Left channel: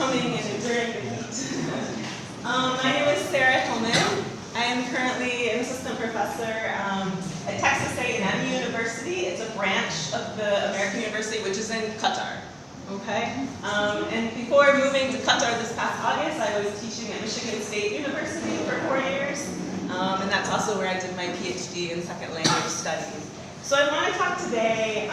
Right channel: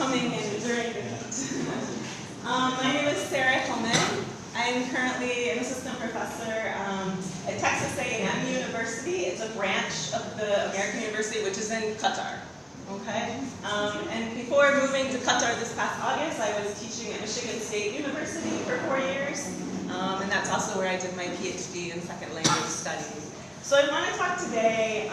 coming and enduring the heat. My name is Sara HILLMAN. I am currently an assistant professor at Texas A&M University. It's a branch of the American University, which is in Qatar. Okay? And before moving to Qatar this past August, I was teaching at Michigan State University for 4 years. And that's also where I did my PhD in second language studies. So I want to talk today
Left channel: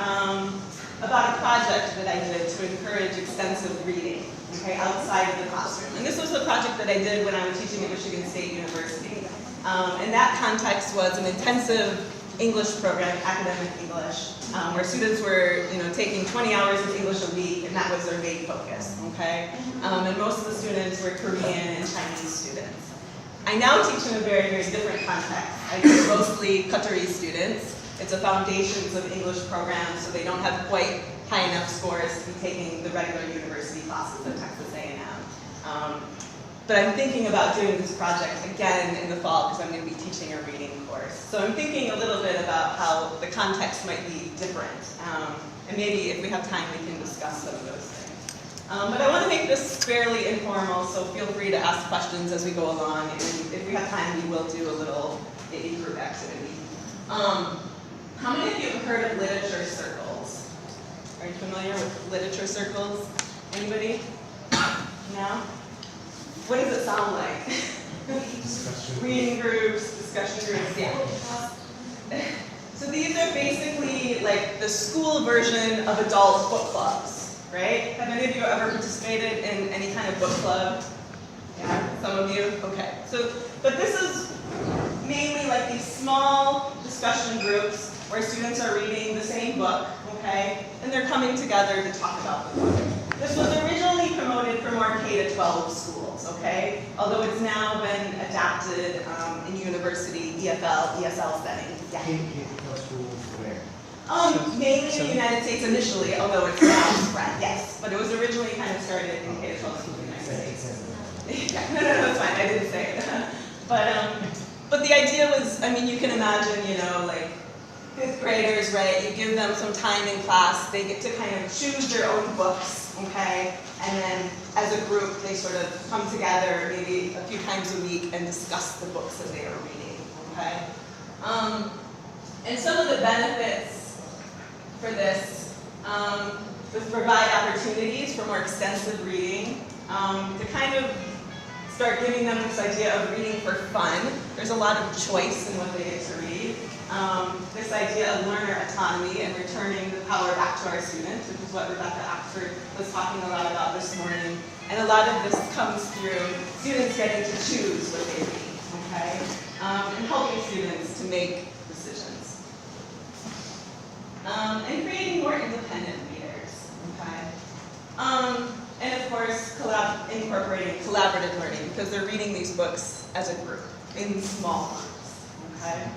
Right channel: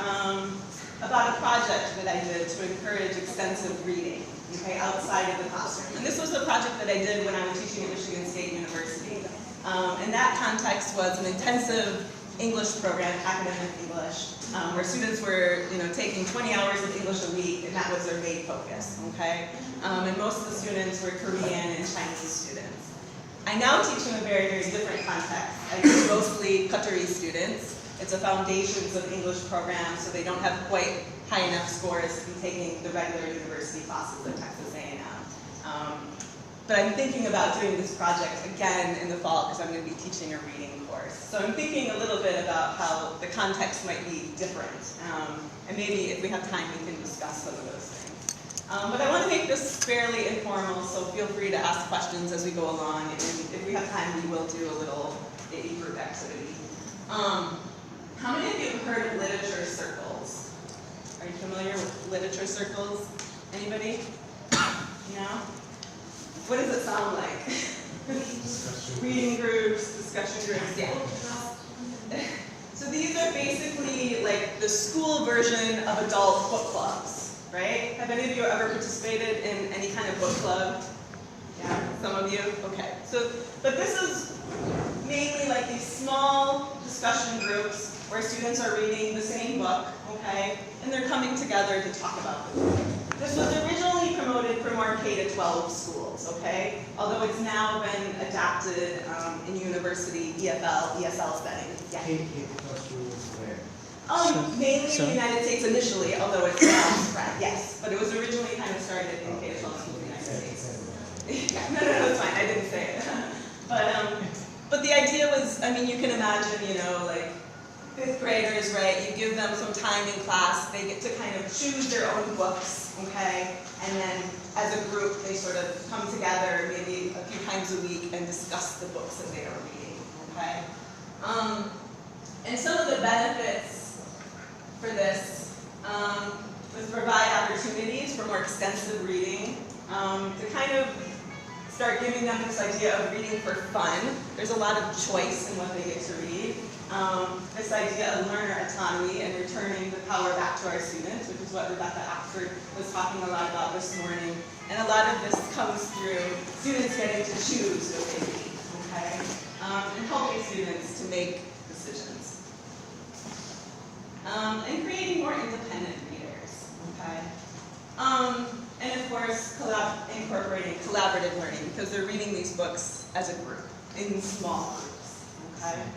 about a project that I did to encourage extensive reading, okay, outside of the classroom. And this was a project that I did when I was teaching at Michigan State University. And that context was an intensive English program, academic English, where students were, taking 20 hours of English a week, and that was their main focus, okay? And most of the students were Korean and Chinese students. I now teach in a very, very different context. I teach mostly Qatari students. It's a Foundations of English program, so they don't have quite high enough scores to be taking the regular university classes at Texas A&M. But I'm thinking about doing this project again in the fall because I'm going to be teaching a reading course. So I'm thinking a little bit about how the context might be different. And maybe if we have time, we can discuss some of those things. But I want to make this fairly informal, so feel free to ask questions as we go along. And if we have time, we will do a little maybe group activity. How many of you have heard of literature circles? Are you familiar with literature circles? Anybody? No? What does it sound like? Reading groups, discussion groups, yeah. So these are basically like the school version of adult book clubs, right? Have any of you ever participated in any kind of book club? Yeah, some of you? Okay. But this is mainly like these small discussion groups where students are reading the same book, okay? And they're coming together to talk about the book. This was originally promoted for more K-12 schools, okay? Although it's now been adapted in university, EFL, ESL settings. Yeah. K-12 schools where? Mainly in the United States initially, although it's now spread, yes. But it was originally kind of started in K-12 schools in the United States. Yeah. No, it's fine, I didn't say it. But the idea was, you can imagine, like, fifth graders, right? You give them some time in class, they get to kind of choose their own books, okay? And then as a group, they sort of come together maybe a few times a week and discuss the books that they are reading, okay? And some of the benefits for this was to provide opportunities for more extensive reading, to kind of start giving them this idea of reading for fun. There's a lot of choice in what they get to read. This idea of learner autonomy and returning the power back to our students, which is what Rebecca Oxford was talking a lot about this morning. And a lot of this comes through students getting to choose what they read, okay? And helping students to make decisions. And creating more independent readers, okay? And of course, incorporating collaborative learning, because they're reading these books as a group, in small groups, okay?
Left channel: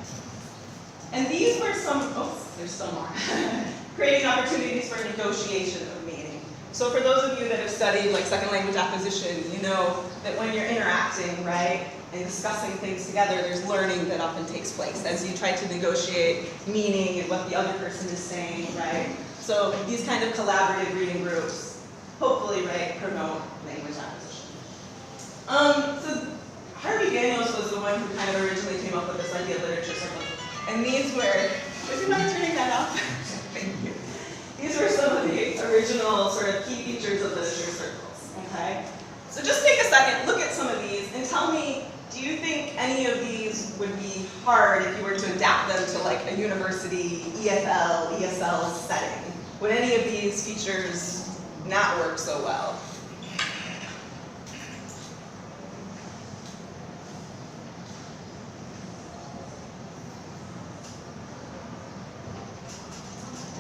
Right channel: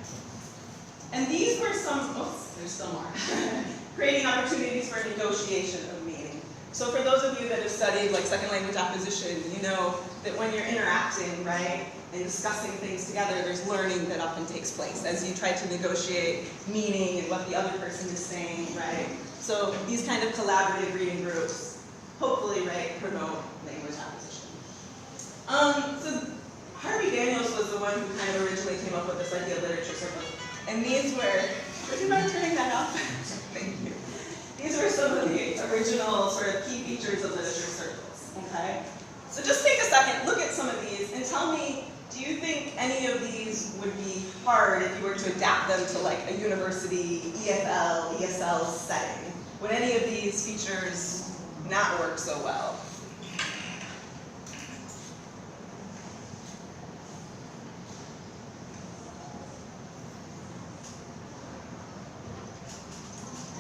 And these were some, there's still more. Creating opportunities for negotiation of meaning. So for those of you that have studied like second language acquisition, you know that when you're interacting, right, and discussing things together, there's learning that often takes place as you try to negotiate meaning and what the other person is saying, right? So these kind of collaborative reading groups, hopefully, right, promote language acquisition. So Harvey Daniels was the one who kind of originally came up with this idea of literature circles. And these were, would you mind turning that off? Thank you. These were some of the original sort of key features of literature circles, okay? So just take a second, look at some of these, and tell me, do you think any of these would be hard if you were to adapt them to like a university EFL, ESL setting? Would any of these features not work so well?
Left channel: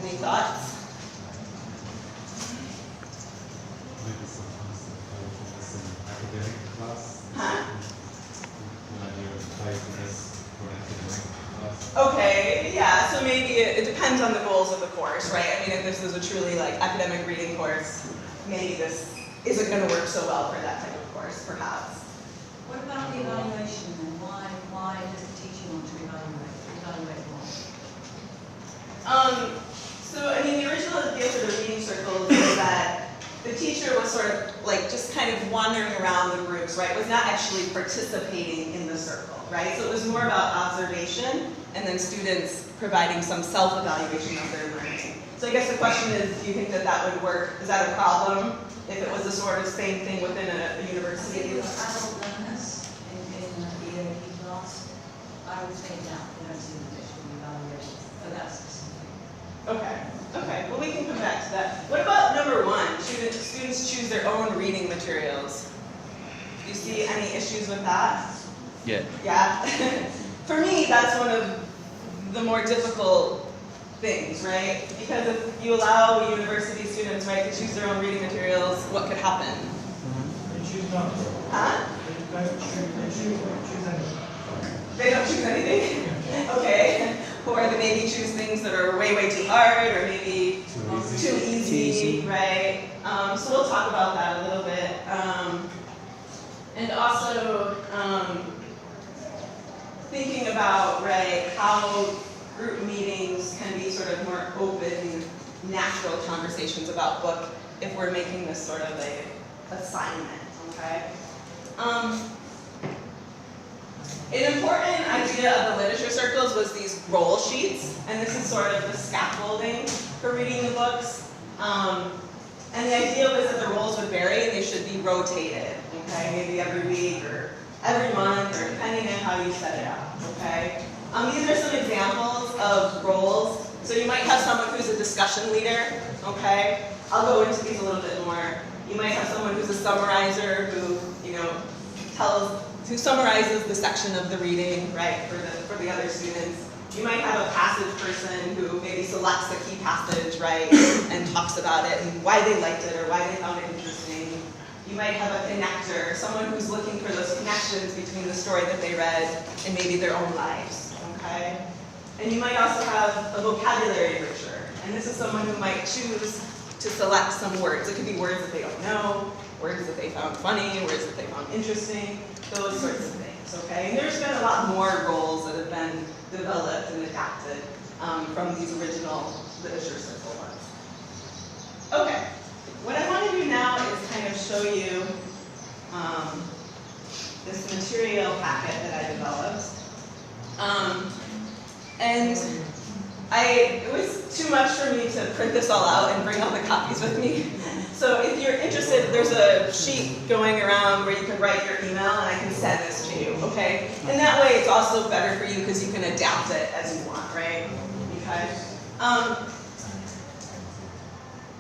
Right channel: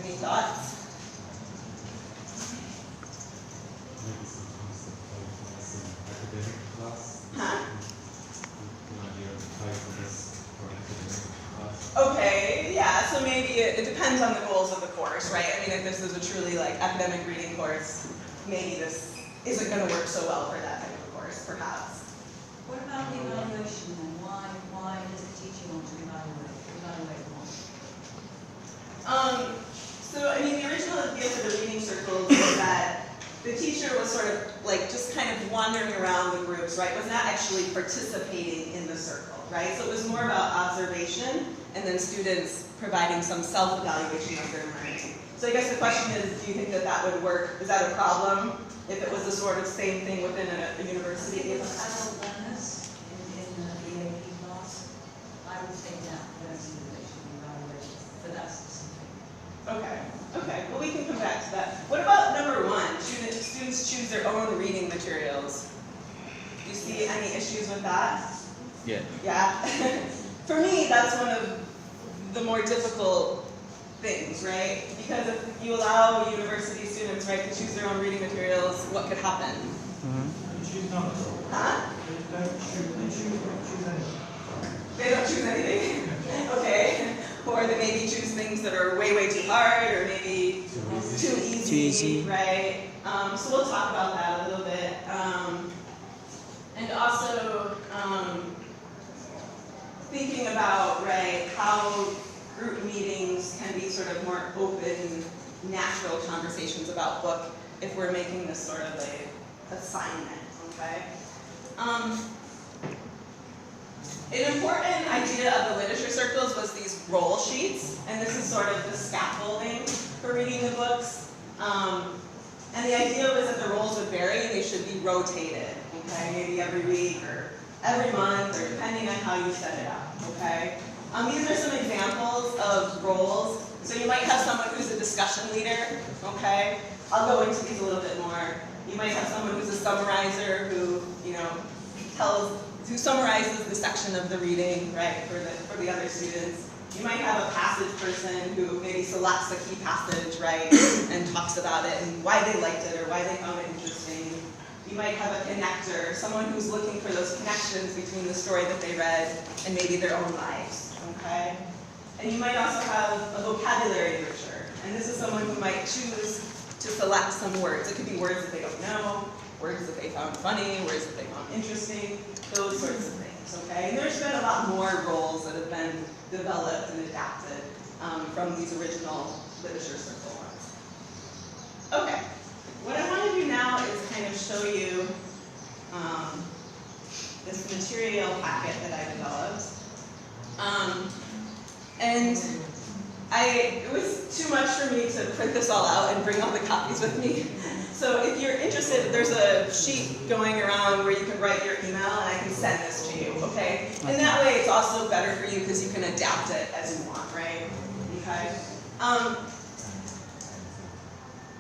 Any thoughts? Maybe sometimes in academic class. Huh? Class. Okay, yeah, so maybe it depends on the goals of the course, right? I mean, if this is a truly like academic reading course, maybe this isn't going to work so well for that type of course, perhaps. What about the evaluation then? Why does the teacher want to evaluate more? So, I mean, the original idea for the reading circles is that the teacher was sort of like just kind wandering around the groups, right, was not actually participating in the circle, right? So it was more about observation and then students providing some self-evaluation of their learning. So I guess the question is, do you think that that would work? Is that a problem if it was the sort of same thing within a university? Adult learners in the EFL class, I would take that, I don't see that they should be evaluated for that specific. Okay, well we can come back to that. What about number one, students choose their own reading materials? Do you see any issues with that? Yeah. Yeah? For me, that's one of the more difficult things, right? Because if you allow university students, right, to choose their own reading materials, what could happen? They choose not to. Huh? They don't choose anything. They don't choose anything? Okay. Or they maybe choose things that are way, way too hard, or maybe too easy, right? So we'll talk about that a little bit. And also, thinking about, right, how group meetings can be sort of more open, natural conversations about book if we're making this sort of a assignment, okay? An important idea of the literature circles was these roll sheets, and this is sort of the scaffolding for reading the books. And the idea was that the roles would vary and they should be rotated, okay? Maybe every week or every month, or depending on how you set it up, okay? These are some examples of roles. So you might have someone who's a discussion leader, okay? I'll go into these a little bit more. You might have someone who's a summarizer who, you know, who summarizes the section of the reading, right, for the other students. You might have a passage person who maybe selects a key passage, right, and talks about it and why they liked it or why they found it interesting. You might have a connector, someone who's looking for those connections between the story that they read and maybe their own lives, okay? And you might also have a vocabulary enricher, and this is someone who might choose to select some words. It could be words that they don't know, words that they found funny, words that they found interesting, those sorts of things, okay? And there's been a lot more roles that have been developed and adapted from these original literature circle ones. Okay, what I want to do now is kind of show you this material packet that I developed. And it was too much for me to print this all out and bring all the copies with me. So if you're interested, there's a sheet going around where you can write your email and I can send this to you, okay? And that way it's also better for you because you can adapt it as you want, right? Okay?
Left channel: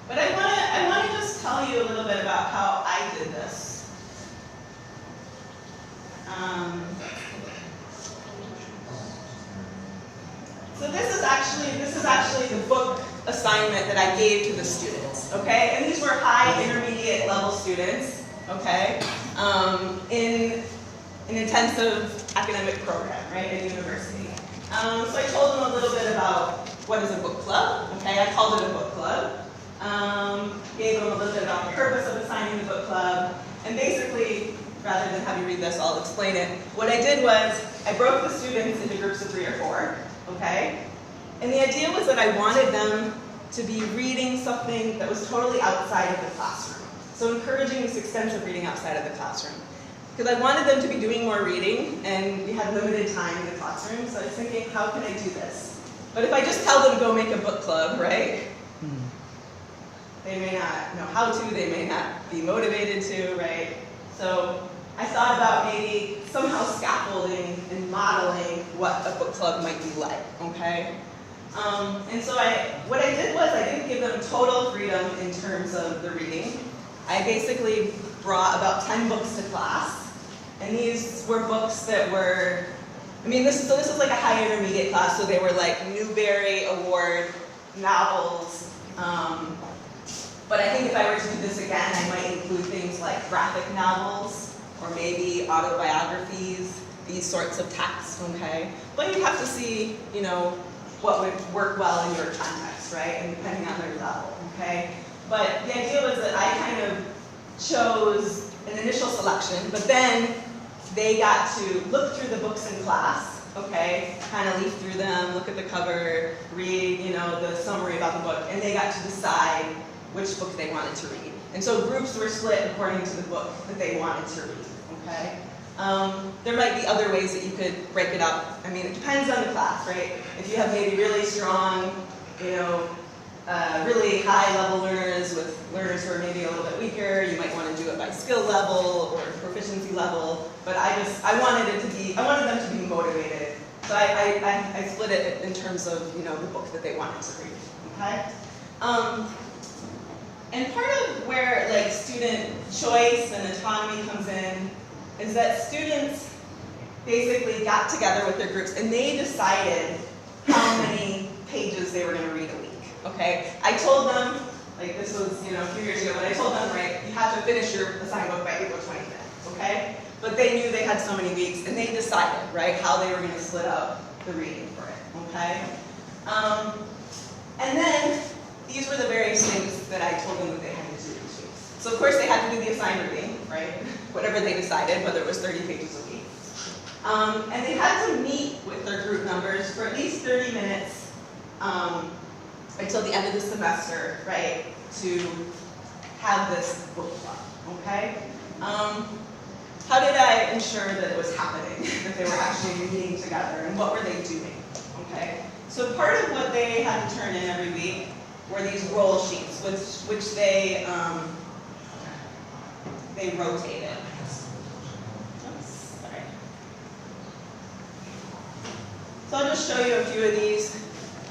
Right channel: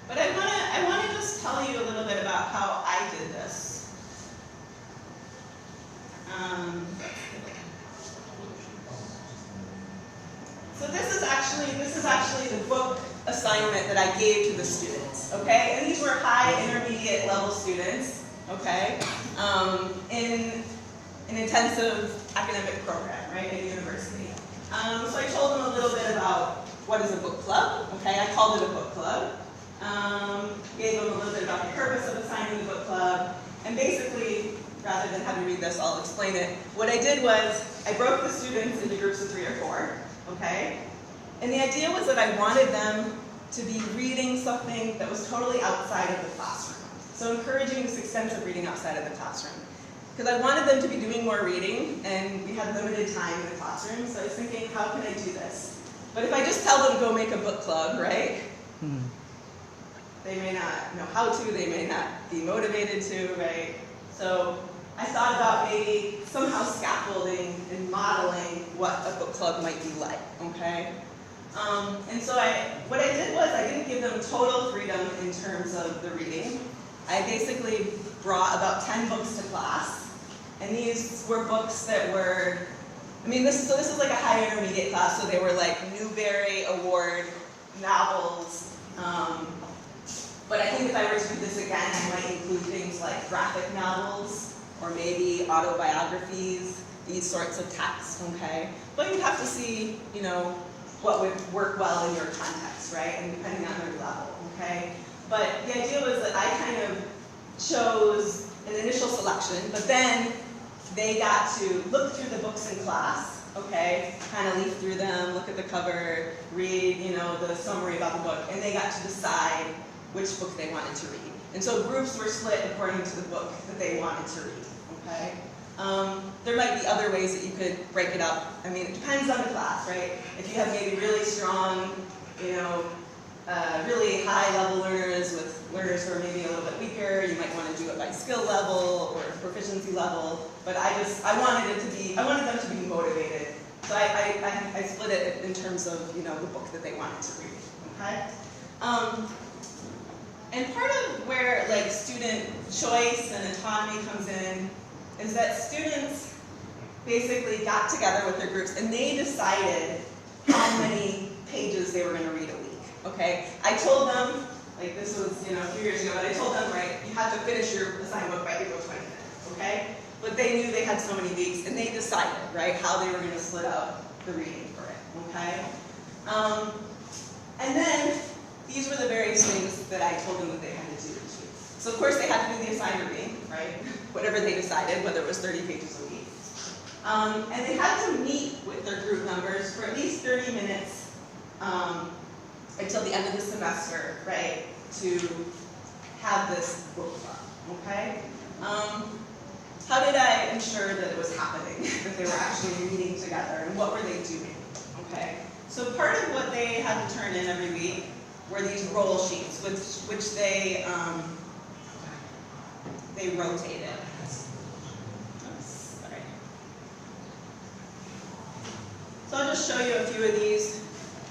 But I want to just tell you a little bit about how I did this. So this is actually the book assignment that I gave to the students, okay? And these were high intermediate level students, okay? In an intensive academic program, right, at university. So I told them a little bit about what is a book club, okay? I called it a book club. Gave them a little bit about the purpose of assigning the book club. And basically, rather than have you read this, I'll explain it. What I did was, I broke the students into groups of 3 or 4, okay? And the idea was that I wanted them to be reading something that was totally outside of the classroom. So encouraging this extensive reading outside of the classroom. Because I wanted them to be doing more reading, and we had limited time in the classroom, so I was thinking, how can I do this? But if I just tell them go make a book club, right? They may not know how to, they may not be motivated to, right? So I thought about maybe somehow scaffolding and modeling what a book club might be like, okay? And so what I did was I didn't give them total freedom in terms of the reading. I basically brought about 10 books to class, and these were books that were, this is like a high intermediate class, so they were like Newbery Award novels. But I think if I were to do this again, I might include things like graphic novels, or maybe autobiographies, these sorts of texts, okay? But you have to see, what would work well in your context, right? And depending on their level, okay? But the idea was that I kind of chose an initial selection, but then they got to look through the books in class, okay? Kind of leaf through them, look at the cover, read, the summary about the book, and they got to decide which book they wanted to read, And so groups were split according to the book that they wanted to read, okay? There might be other ways that you could break it up. I mean, it depends on the class, right? If you have maybe really strong, really high level learners with learners who are maybe a little bit weaker, you might want to do it by skill level or proficiency level. But I wanted them to be motivated. So I split it in terms of, the book that they wanted to read, okay? And part of where student choice and autonomy comes in is that students basically got together with their groups and they decided how many pages they were going to read a week. Okay, I told them, this was a few years ago, but I told them, right, you have to finish your assigned book by April 25th. Okay, but they knew they had so many weeks, and they decided, right, how they were going to split out the reading for it. Okay, and then these were the various things that I told them that they had to do each week. So of course they had to do the assigned reading, right? Whatever they decided, whether it was 30 pages a week. And they had to meet with their group members for at least 30 minutes until the end of the semester, right, to have this book club, okay? How did I ensure that it was happening, that they were actually reading together, and what were they doing, okay? So part of what they had to turn in every week were these roll sheets, which they rotated. Oops, sorry. So I'll just show you a few of these.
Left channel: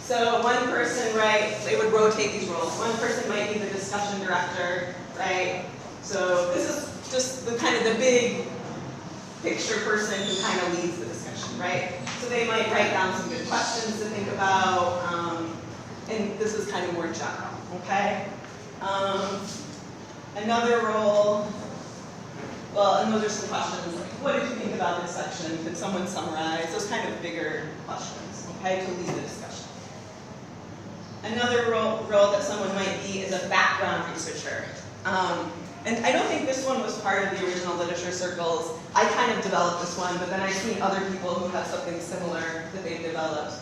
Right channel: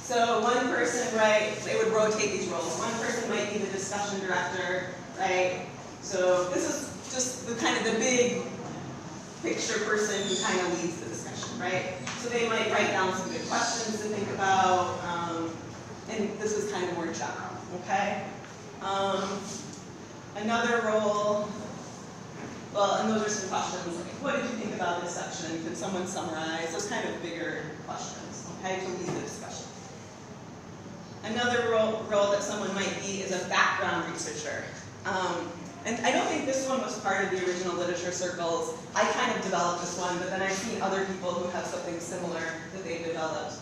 So one person, right, they would rotate these roles. One person might be the discussion director, right? So this is just the big picture person who kind of leads the discussion, right? So they might write down some good questions to think about, and this is kind of more general, okay? Another role, and those are some questions like, what did you think about this section? Could someone summarize? Those kind of bigger questions, okay, to lead the discussion. Another role that someone might be is a background researcher. And I don't think this one was part of the original literature circles. I kind of developed this one, but then I've seen other people who have something similar that they've developed.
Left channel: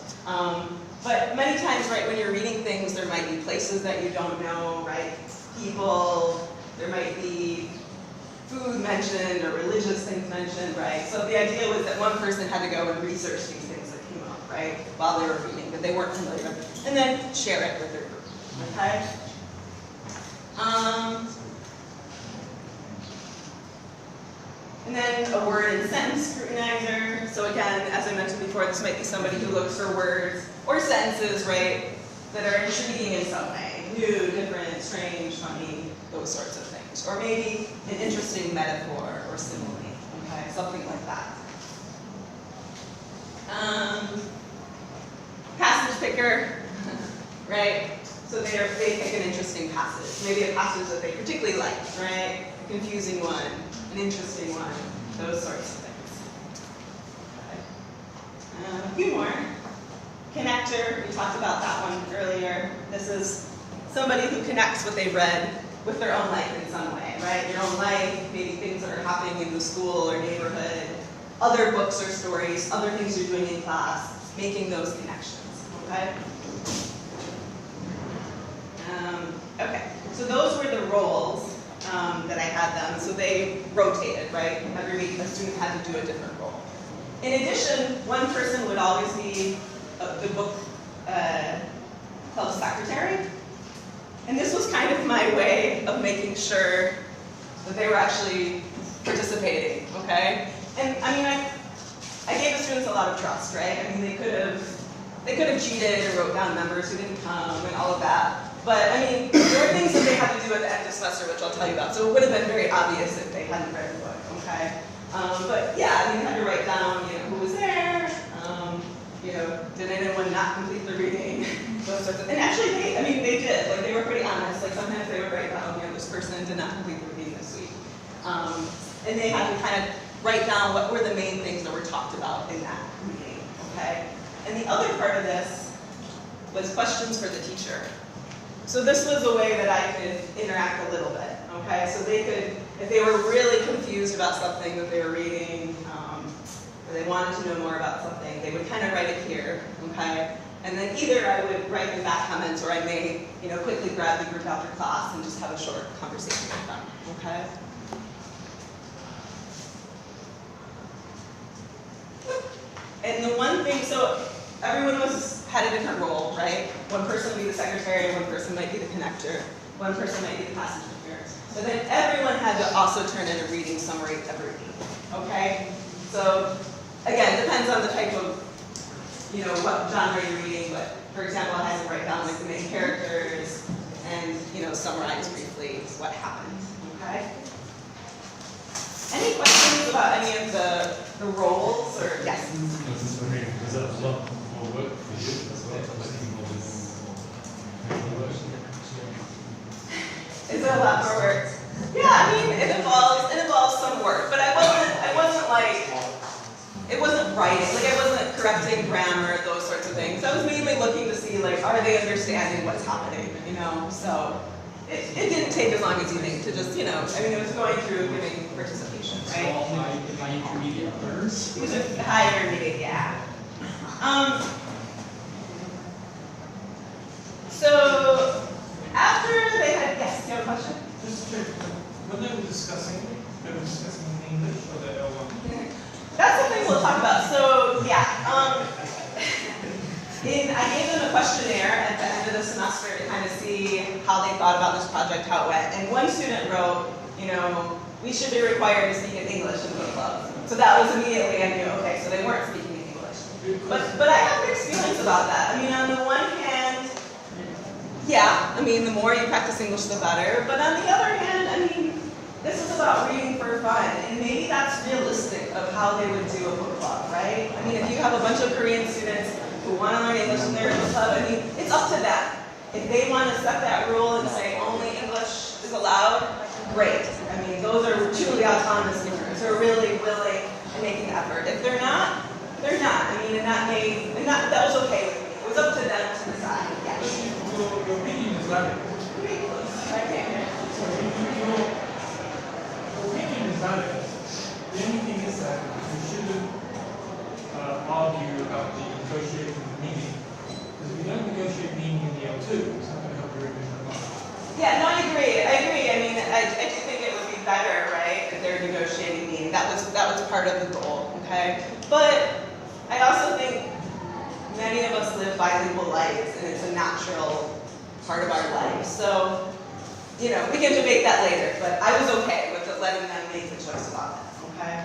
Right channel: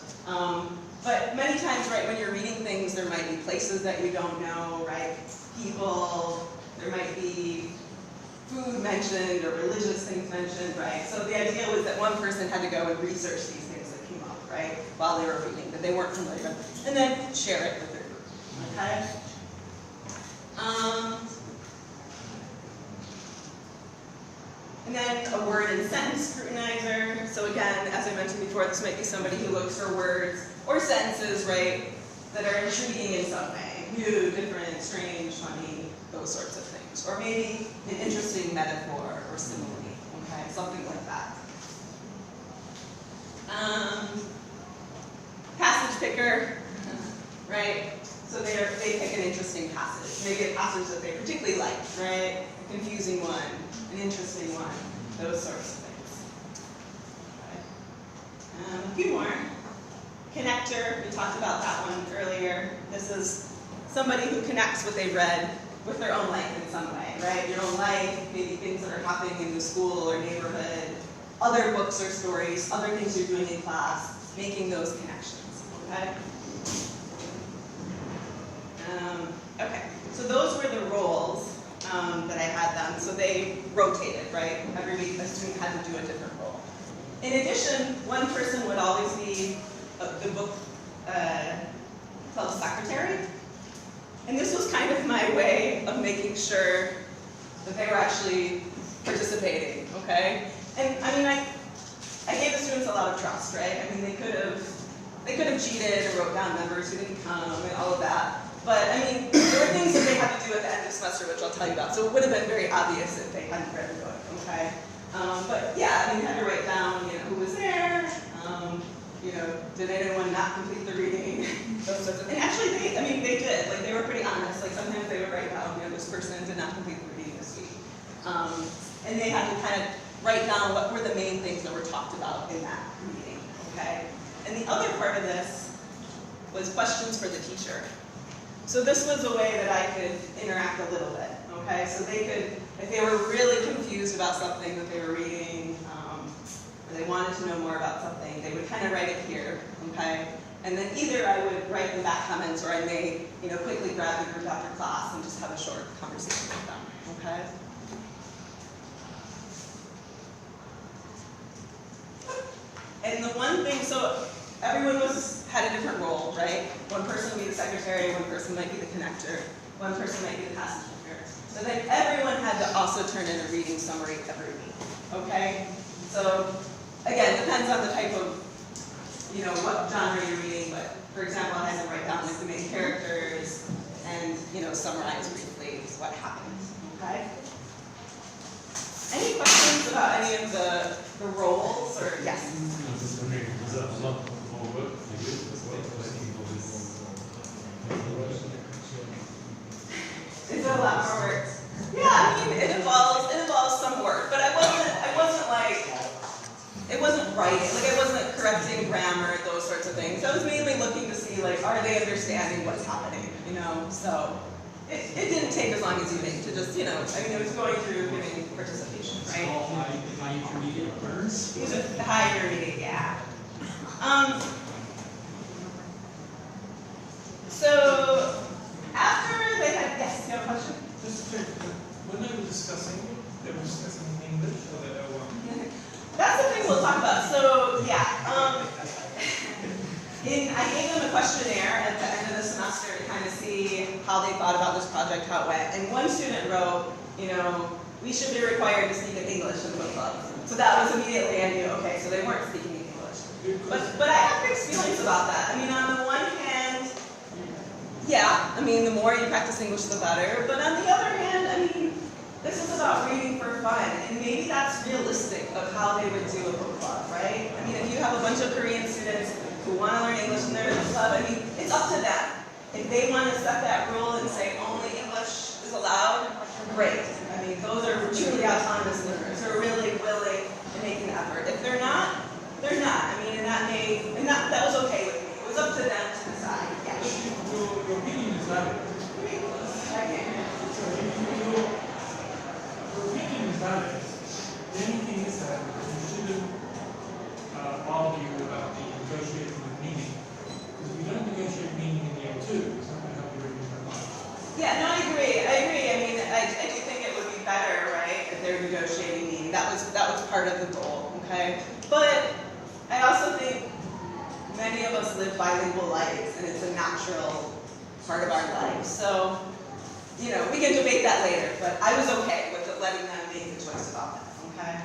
But many times, right, when you're reading things, there might be places that you don't know, right? People, there might be food mentioned or religious things mentioned, right? So the idea was that one person had to go and research these things that came up, right, while they were reading, that they weren't familiar with, and then share it with their group, okay? And then a word and sentence scrutinizer. So again, as I mentioned before, this might be somebody who looks for words or sentences, right, that are intriguing in some way. New, different, strange, funny, those sorts of things. Or maybe an interesting metaphor or simile, okay, something like that. Passage picker, right? So they pick an interesting passage. Maybe a passage that they particularly like, right? A confusing one, an interesting one, those sorts of things. Okay. A few more. Connector, we talked about that one earlier. This is somebody who connects what they've read with their own life in some way, right? Your own life, maybe things that are happening in the school or neighborhood, other books or stories, other things you're doing in class, making those connections, okay? Okay, so those were the roles that I had them. So they rotated, right? Every week a student had to do a different role. In addition, one person would always be the book club secretary. And this was kind of my way of making sure that they were actually participating, okay? And I mean, I gave the students a lot of trust, right? I mean, they could have cheated or wrote down members who didn't come and all of that. But I mean, there were things that they had to do at the end of the semester, which I'll tell you about. So it would have been very obvious if they hadn't read the book, okay? But yeah, I mean, you had to write down, who was there, did anyone not complete the reading? Those sorts of, and actually, they did. Like, they were pretty honest. Like, sometimes they would write down, this person did not complete the reading this week. And they had to kind of write down what were the main things that were talked about in that reading, okay? And the other part of this was questions for the teacher. So this was a way that I could interact a little bit, okay? So they could, if they were really confused about something that they were reading, or they wanted to know more about something, they would kind of write it here, okay? And then either I would write them back comments, or I may, quickly grab the group after class and just have a short conversation with them, okay? And the one thing, so everyone had a different role, right? One person would be the secretary, one person might be the connector, one person might be the passenger. So then everyone had to also turn in a reading summary every week, okay? So again, it depends on the type of, what genre you're reading, but for example, I had to write down like the main characters and, summarize briefly what happened, okay? Any questions about any of the roles, or yes? I was just wondering, was that a lot more work for you as well, working all this paperwork? Is it a lot more work? Yeah, I mean, it involves some work, but it wasn't writing, I wasn't correcting grammar, those sorts of things. I was mainly looking to see, are they understanding what's happening, So it didn't take as long as you think to just, it was going through giving participation, right? All high intermediate learners. These are high intermediate, yeah. So after they had, yes, you have a question? Just to check, when they were discussing in English or they all That's something we'll talk about. So yeah, I gave them a questionnaire at the end of the semester to kind of see how they thought about this project, how it went. And one student wrote, we should be required to speak in English in book club. So that was immediately, I knew, okay, so they weren't speaking in English. But I have mixed feelings about that. On the one hand, yeah, the more you practice English, the better. But on the other hand, this is about reading for fun, and maybe that's realistic of how they would do a book club, right? If you have a bunch of Korean students who want to learn English in their book club, it's up to them. If they want to set that rule and say only English is allowed, great. Those are truly autonomous learners. They're really willing and making effort. If they're not, they're not. That was okay with me. It was up to them to decide. Yeah. Your opinion is valid. Okay. So your opinion is valid. The only thing is that you shouldn't argue about the negotiating meaning. Because if you don't negotiate meaning in the L2, it's not going to help your revision at all. Yeah, no, I agree. I do think it would be better, right, if they were negotiating meaning. That was part of the goal, okay? But I also think many of us live bilingual lives, and it's a natural part of our life. So, we can debate that later, but I was okay with letting them make the choice about that, okay?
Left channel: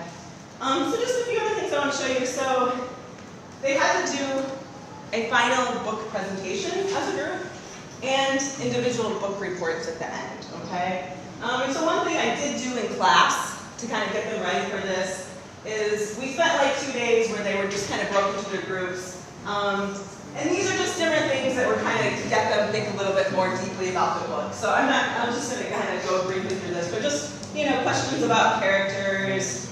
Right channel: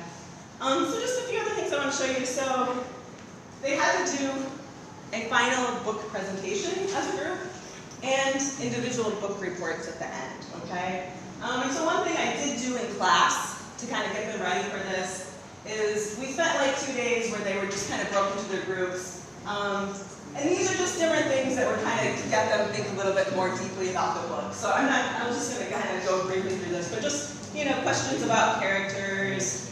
So just a few other things I want to show you. So they had to do a final book presentation as a group and individual book reports at the end, okay? And so one thing I did do in class to kind of get them ready for this is we spent 2 days where they were just kind of broken into their groups. And these are just different things that were kind of to get them to think a little bit more deeply about the book. So I'm just going to kind of go briefly through this, but just, questions about characters,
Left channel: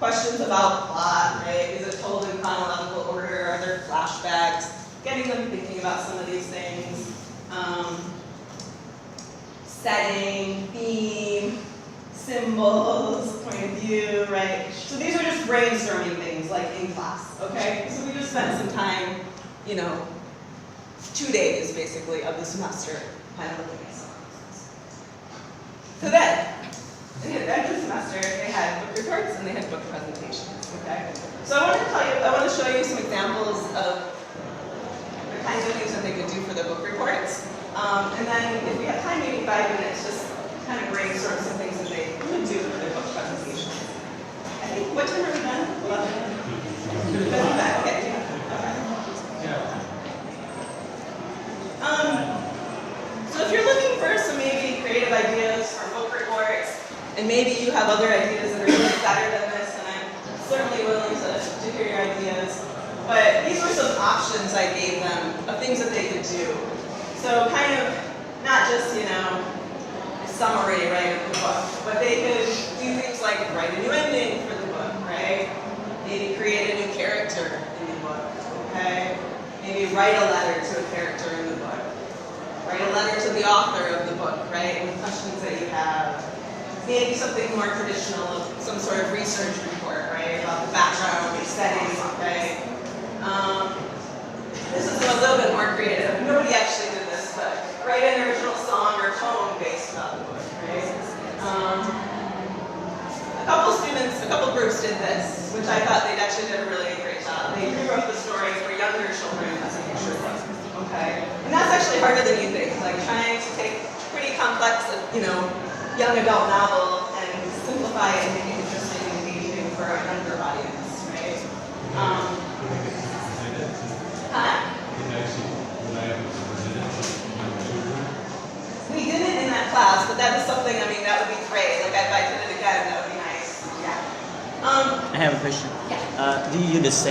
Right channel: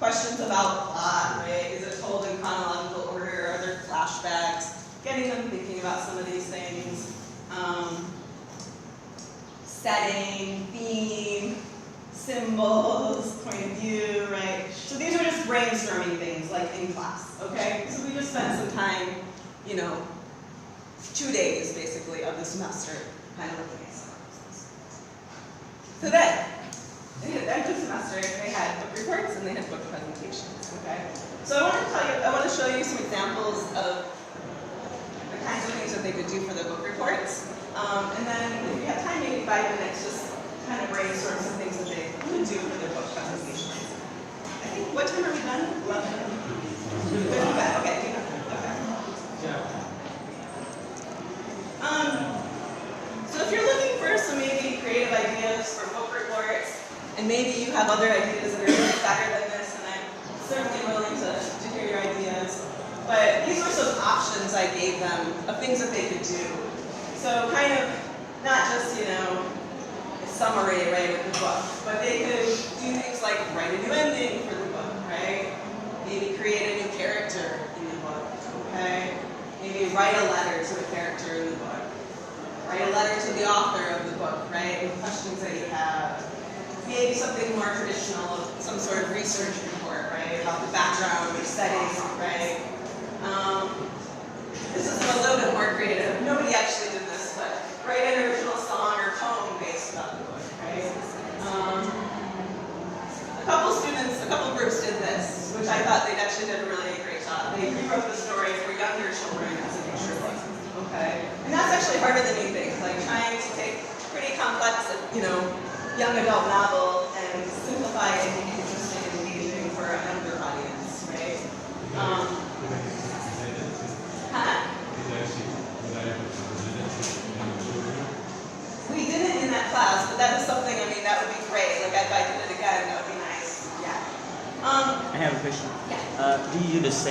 questions about plot, right? Is it told in chronological order? Are there flashbacks? Getting them thinking about some of these things. Setting, theme, symbols, point of view, right? So these are just brainstorming things in class, okay? So we just spent some time, 2 days basically of the semester kind of looking at some of these. So then, at the end of the semester, they had book reports and they had book presentations, okay? So I want to show you some examples of the kinds of things that they could do for the book reports. And then if we have time, maybe 5 minutes, just kind of brainstorm some things that they could do for their book presentation. I think, what time are we done? 11? Okay. So if you're looking for some maybe creative ideas for book reports, and maybe you have other ideas that are really better than this, and I'm certainly willing to hear your ideas. But these were some options I gave them of things that they could do. So kind of not just, a summary, right, of the book, but they could do things like write a new ending for the book, right? Maybe create a new character in the book, okay? Maybe write a letter to a character in the book. Write a letter to the author of the book, right, with questions that you have. Maybe something more traditional, some sort of research report, right, about the background, the setting, right? This is a little bit more creative. Nobody actually did this, but write an original song or poem based about the book, right? A couple groups did this, which I thought they actually did a really great job. They rewrote the story for younger children as a picture book. Okay, and that's actually harder than you think. Like trying to take pretty complex, young adult novel and simplify it and make it interesting and engaging for a younger audience, right? We didn't in that class, but that is something. I mean, that would be great. Like if I did it again, that would be nice. Yeah. I have a question. Yeah. Do you use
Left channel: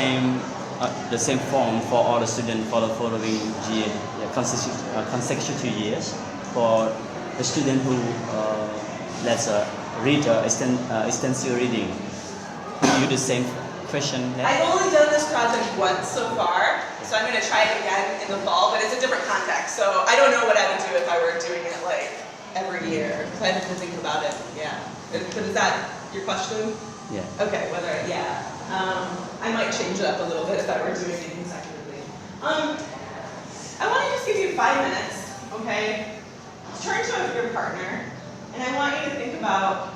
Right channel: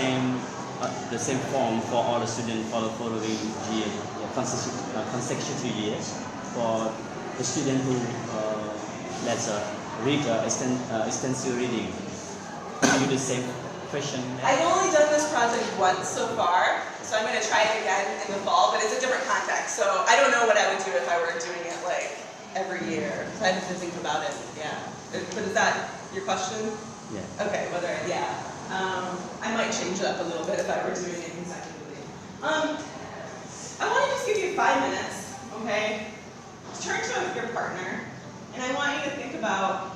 the same form for all the students for the following year, consecutive years? For the student who read extensive reading, do you use the same question? I've only done this project once so far, so I'm going to try it again in the fall, but it's a different context. So I don't know what I would do if I were doing it like every year. If I had to think about it, yeah. But is that your question? Yeah. Okay, I might change it up a little bit if I were doing it consecutively. I want to just give you 5 minutes, okay? Turn to your partner, and I want you to think about,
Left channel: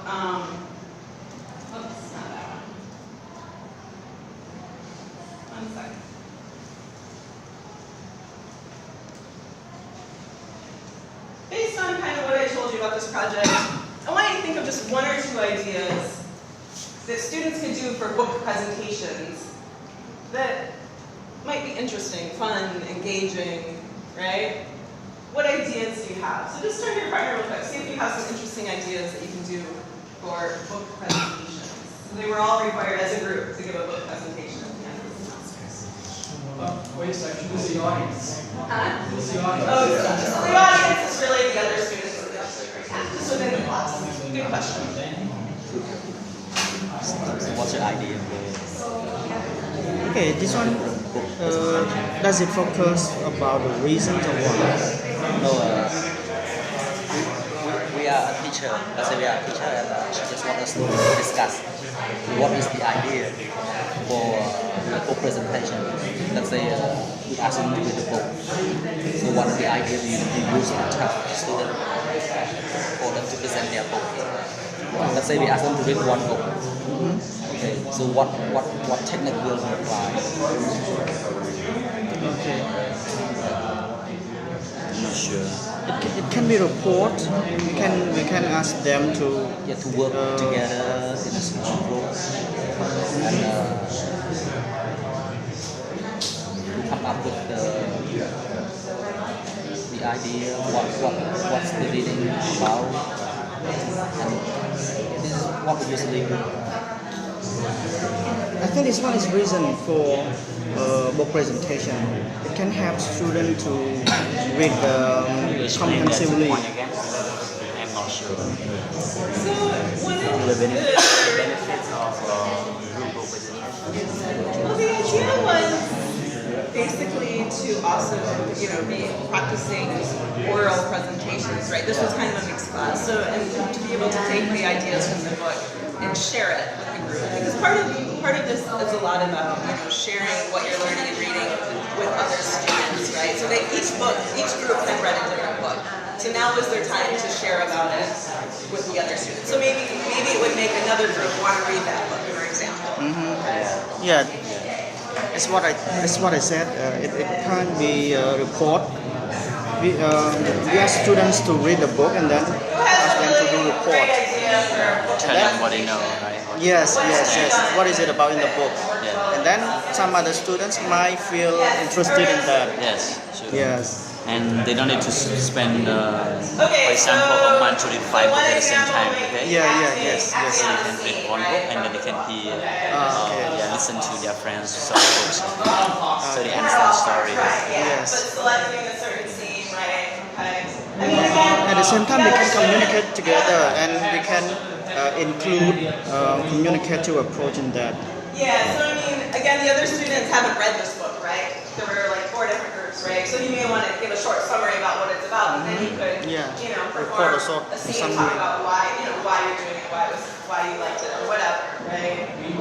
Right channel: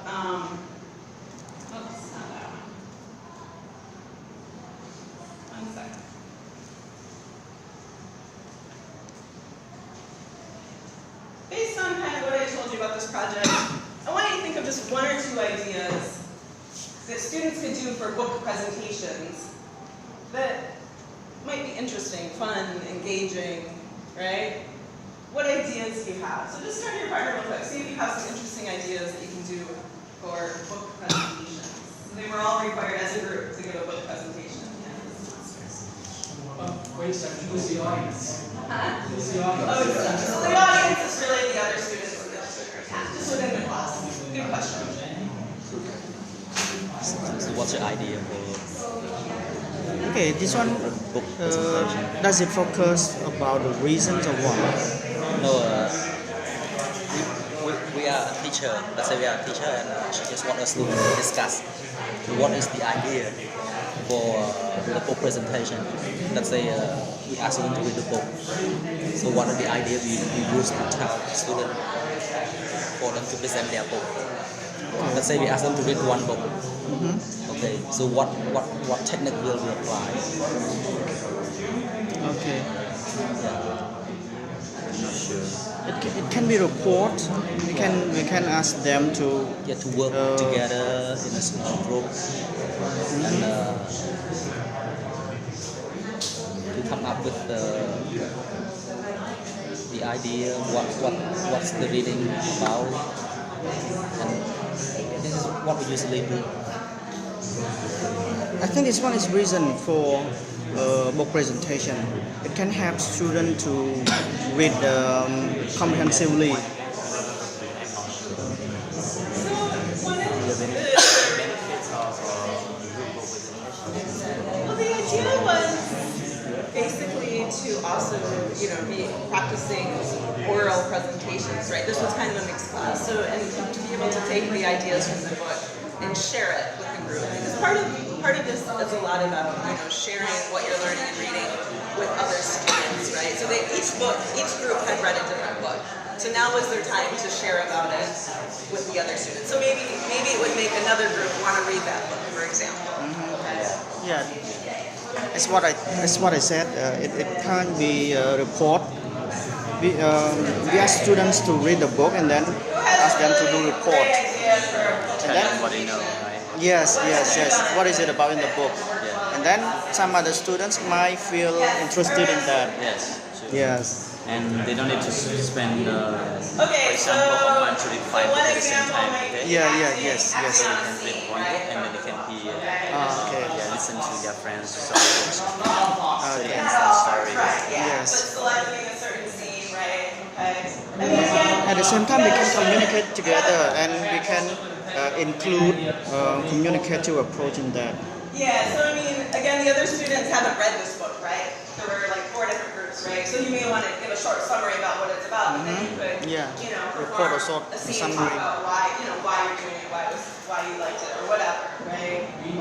oops, not that one. 1 second. Based on kind of what I told you about this project, I want you to think of just 1 or 2 ideas that students could do for book presentations that might be interesting, fun, engaging, right? What ideas do you have? So just turn to your partner real quick. See if you have some interesting ideas that you can do for book presentations. So they were all required as a group to give a book presentation at the end of the semester. Wait a second, who's the audience? Huh? Who's the audience? Oh, so the audience is really the other students in the district, just within the class. Good question. What's the idea? Okay, this one, does it focus about the reasons of what? No, we are a teacher. Let's say we are a teacher and she just want us to discuss what is the idea for the book presentation. Let's say we ask them to read the book. So what are the ideas you use to tell students for them to present their book? Let's say we ask them to read 1 book. Okay, so what technique will we apply? Okay. I'm not sure. It can be report. We can ask them to To work together in a small group and to come up with the idea, what's the reading about, and this is what we usually do. I think this one is reason for book presentation. It can help students to read comprehensively. I'm not sure. So one of the benefits of group book presentation. well, the idea was basically to also, be practicing oral presentations, right? This was kind of a mixed class, so and to be able to take the ideas from the book and share it with the group, because part of this is a lot about sharing what you're learning and reading with other students, right? So each group had read a different book, so now was their time to share about it with the other students. So maybe it would make another group want to read that book, for example. Yeah, that's what I said. It can be a report. We ask students to read the book and then ask them to do a report. Tell them what they know, right? Yes. What is it about in the book? Yeah. And then some other students might feel interested in that. Yes. Sure. Yes. And they don't need to spend, for Okay, example, a month to read 5 books at the same example time. might be Okay? Yes. They can read 1 book and then they can listen to their friends some books. So they understand the story. Right, yeah. Yes. But selecting a certain scene, right? Okay. I mean, again, At the same time, we can communicate together and we can include communicative approach in that. yeah, so I mean, again, the other students haven't read this book, right? There were like 4 different groups, right? So you may want to give a short summary about what it's about, and then you could, Report perform or a scene, summary. talk about why you're doing it, why you liked it, or whatever, right? We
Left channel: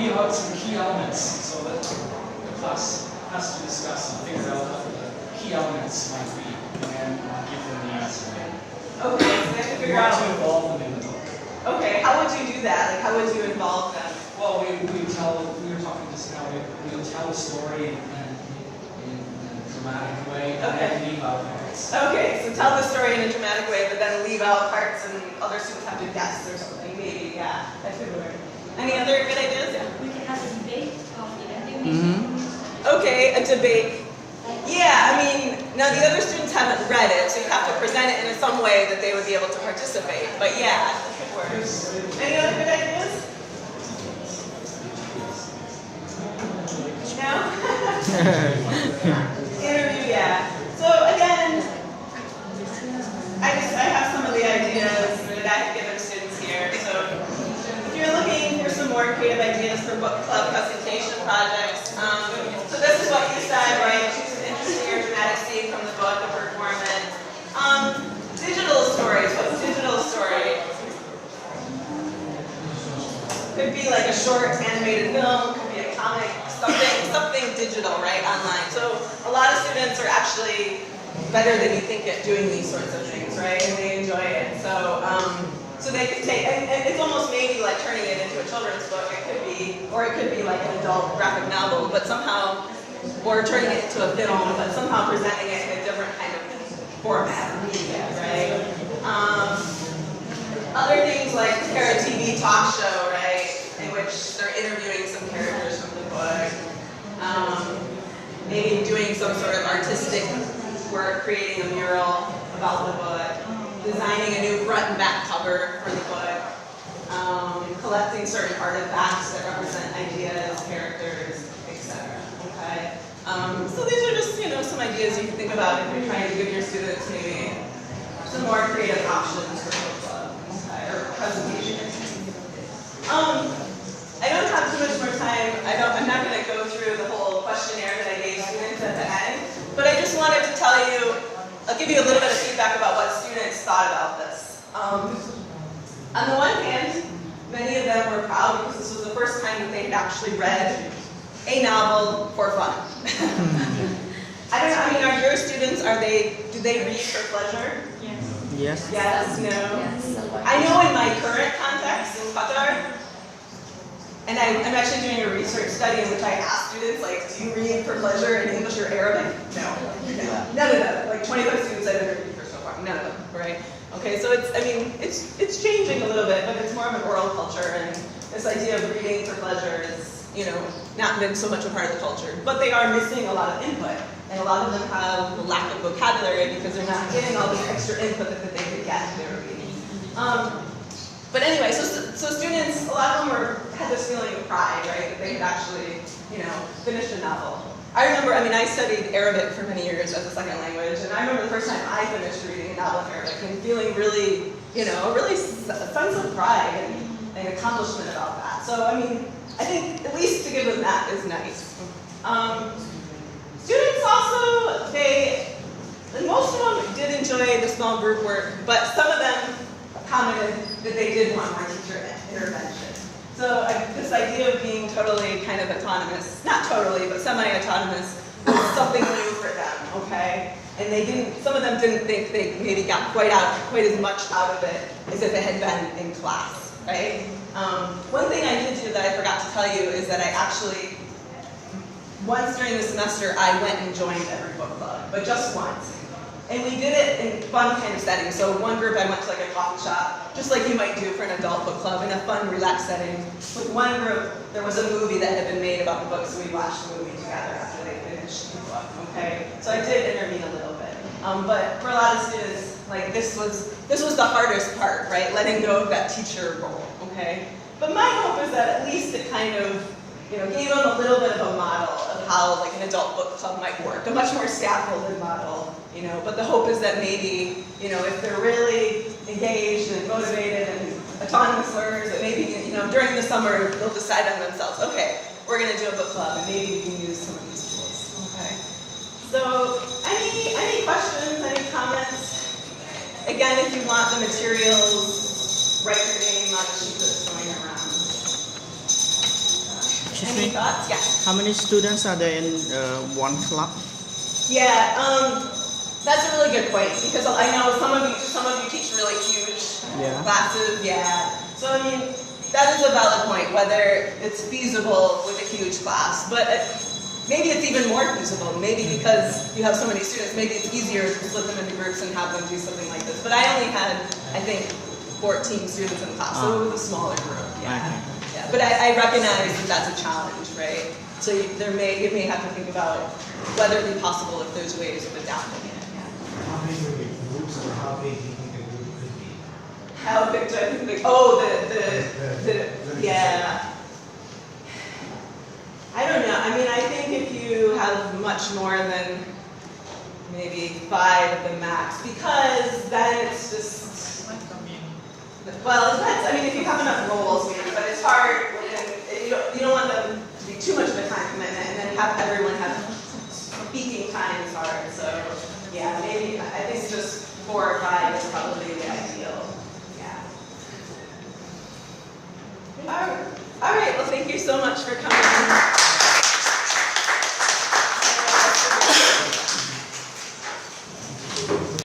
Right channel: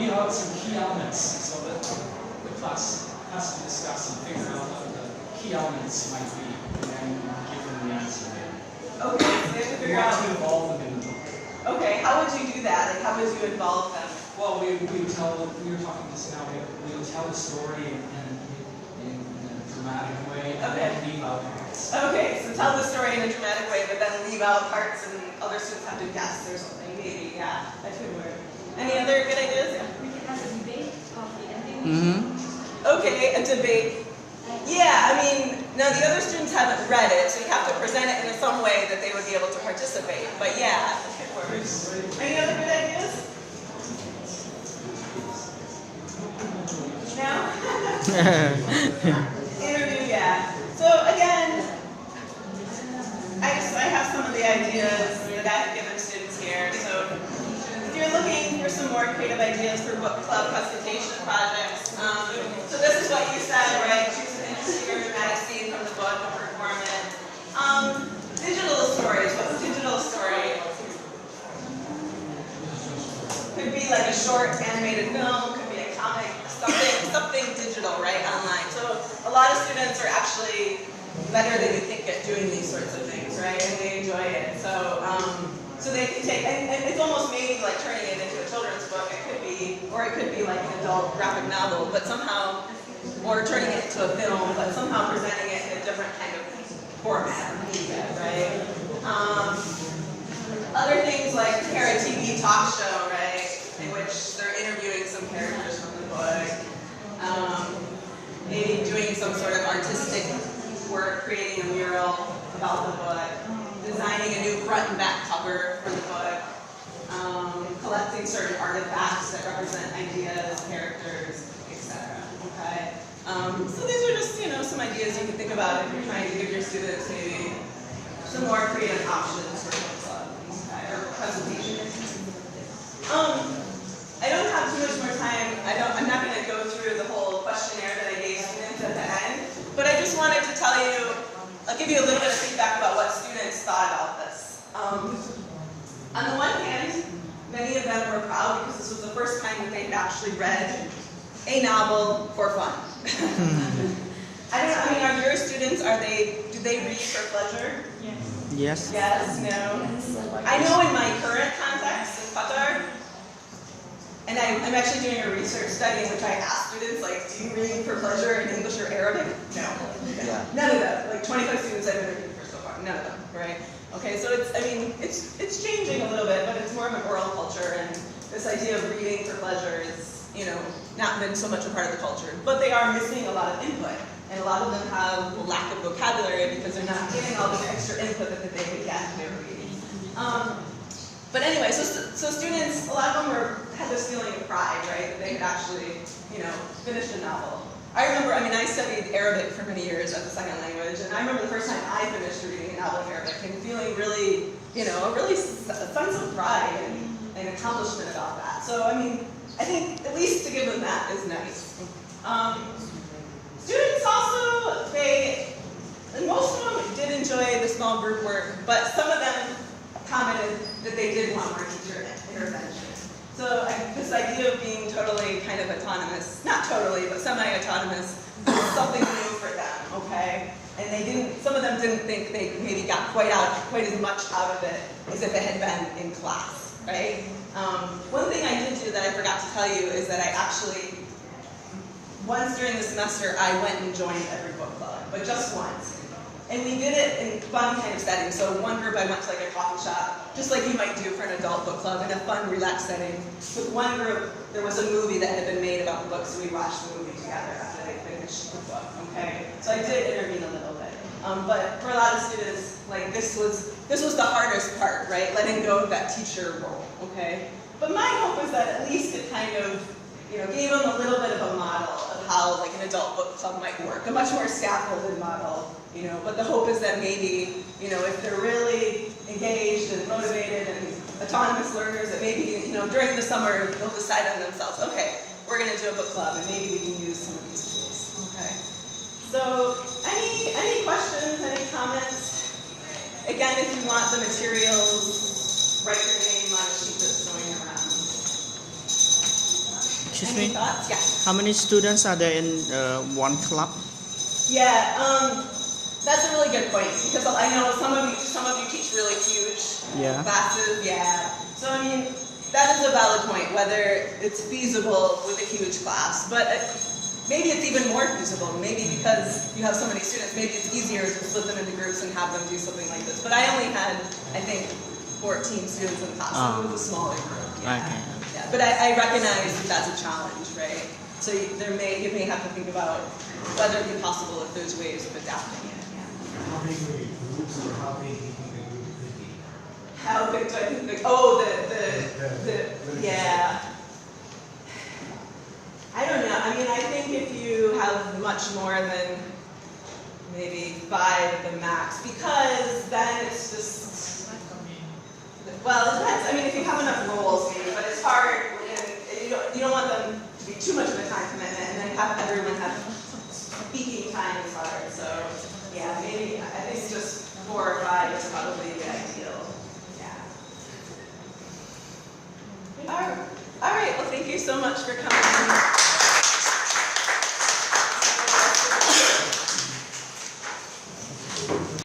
leave out some key elements so that the class us to discuss and figure out what the key elements might be, and then give them the answer. Okay, so they have to We figure want out. to involve them in the book. Okay, how would you do that? Like, how would you involve them? Well, we were talking just now, we would tell a story in a dramatic way, and Okay. then leave out parts. Okay, so tell the story in a dramatic way, but then leave out parts and other students have to guess or something. Maybe, yeah, that could work. Any other good ideas? Yeah. We can have a debate of event Mm-hmm. Okay, a debate. Yeah, I mean, now the other students haven't read it, so you have to present it in some way that they would be able to participate. But yeah, that could work. Any other good ideas? No? Interview, yeah. So again, I have some of the ideas that I've given students here. So if you're looking for some more creative ideas for book club presentation projects, so this is what you said, right? Choose an interesting or dramatic scene from the book and perform it. Digital stories. What's digital story? Could be like a short animated film, could be a comic, something digital, right, online. So a lot of students are actually better than you think at doing these sorts of things, right? And they enjoy it. So they could take, and it's almost maybe like turning it into a children's book. It could be, or it could be like an adult graphic novel, but somehow, or turning it into a film, but somehow presenting it in a different kind of format or media, right? Other things like prepare a TV talk show, right, in which they're interviewing some characters from the book. Maybe doing some sort of artistic work, creating a mural about the book, designing a new front and back cover for the book, collecting certain artifacts that represent ideas, characters, etc. Okay. So these are just, some ideas you can think about if you're trying to give your students maybe some more creative options for book club, okay, or presentations. I don't have too much more time. I'm not going to go through the whole questionnaire that I gave students at the end, but I just wanted to tell you, I'll give you a little bit of feedback about what students thought about this. On the one hand, many of them were proud because this was the first time that they had actually read a novel for fun. I don't know, I mean, are your students, do they read for pleasure? Yes. Yes, no. I know in my current context in Qatar, and I'm actually doing a research study in which I asked students, like, do you read for pleasure in English or Arabic? No. None of them. Like 25 students I've interviewed for so far, none of them, right? Okay, so it's changing a little bit, but it's more of an oral culture, and this idea of reading for pleasure is, not been so much a part of the culture. But they are missing a lot of input, and a lot of them have a lack of vocabulary because they're not getting all this extra input that they could get if they were reading. But anyway, so students, a lot of them had this feeling of pride, right, that they could actually, finish a novel. I studied Arabic for many years as a second language, and I remember the first time I finished reading a novel in Arabic and feeling really, a sense of pride and accomplishment about that. So, I think at least to give them that is nice. Students also, most of them did enjoy the small group work, but some of them commented that they did want more teacher intervention. So this idea of being totally kind of autonomous, not totally, but semi-autonomous, was something new for them, okay? And some of them didn't think they maybe got quite as much out of it as if it had been in class, right? One thing I did do that I forgot to tell you is that I actually, once during the semester, I went and joined every book club, but just once. And we did it in fun kind of settings. So one group I went to like a coffee shop, just like you might do for an adult book club, in a fun, relaxed setting. With one group, there was a movie that had been made about the book, so we watched the movie together after they finished the book, okay? So I did intervene a little bit. But for a lot of students, like this was the hardest part, right? Letting go of that teacher role, okay? But my hope is that at least it kind of, gave them a little bit of a model of how like an adult book club might work, a much more scaffolded model, But the hope is that maybe, if they're really engaged and motivated and autonomous learners, that maybe, during the summer they'll decide on themselves, okay, we're going to do a book club, and maybe we can use some of these tools, okay? So, any questions, any comments? Again, if you want the materials, write your name on a sheet that's going around. Excuse Any me? thoughts? Yeah. How many students are there in one club? Yeah, that's a really good point because I know some of you teach really huge Yeah. classes. Yeah. So I mean, that is a valid point whether it's feasible with a huge class, but maybe it's even more feasible. Maybe because you have so many students, maybe it's easier to split them into groups and have them do something like this. But I only had, I think, 14 students in the class, so it was a smaller group. Yeah. Okay. Yeah. But I recognize that that's a challenge, right? So you may have to think about whether it be possible if there's ways of adapting it. Yeah. How many groups or how many people can do quickly? How big do I think? Yeah. I don't know. I mean, I think if you have much more than maybe 5 at the max, because then it's just. Well, it depends. I mean, if you have enough roles, maybe, but it's hard. And you don't want them to be too much of a time commitment, and then have everyone have speaking time is hard. So, yeah, maybe I think just 4 or 5 is probably the ideal. Yeah. All right. Well, thank you so much for coming.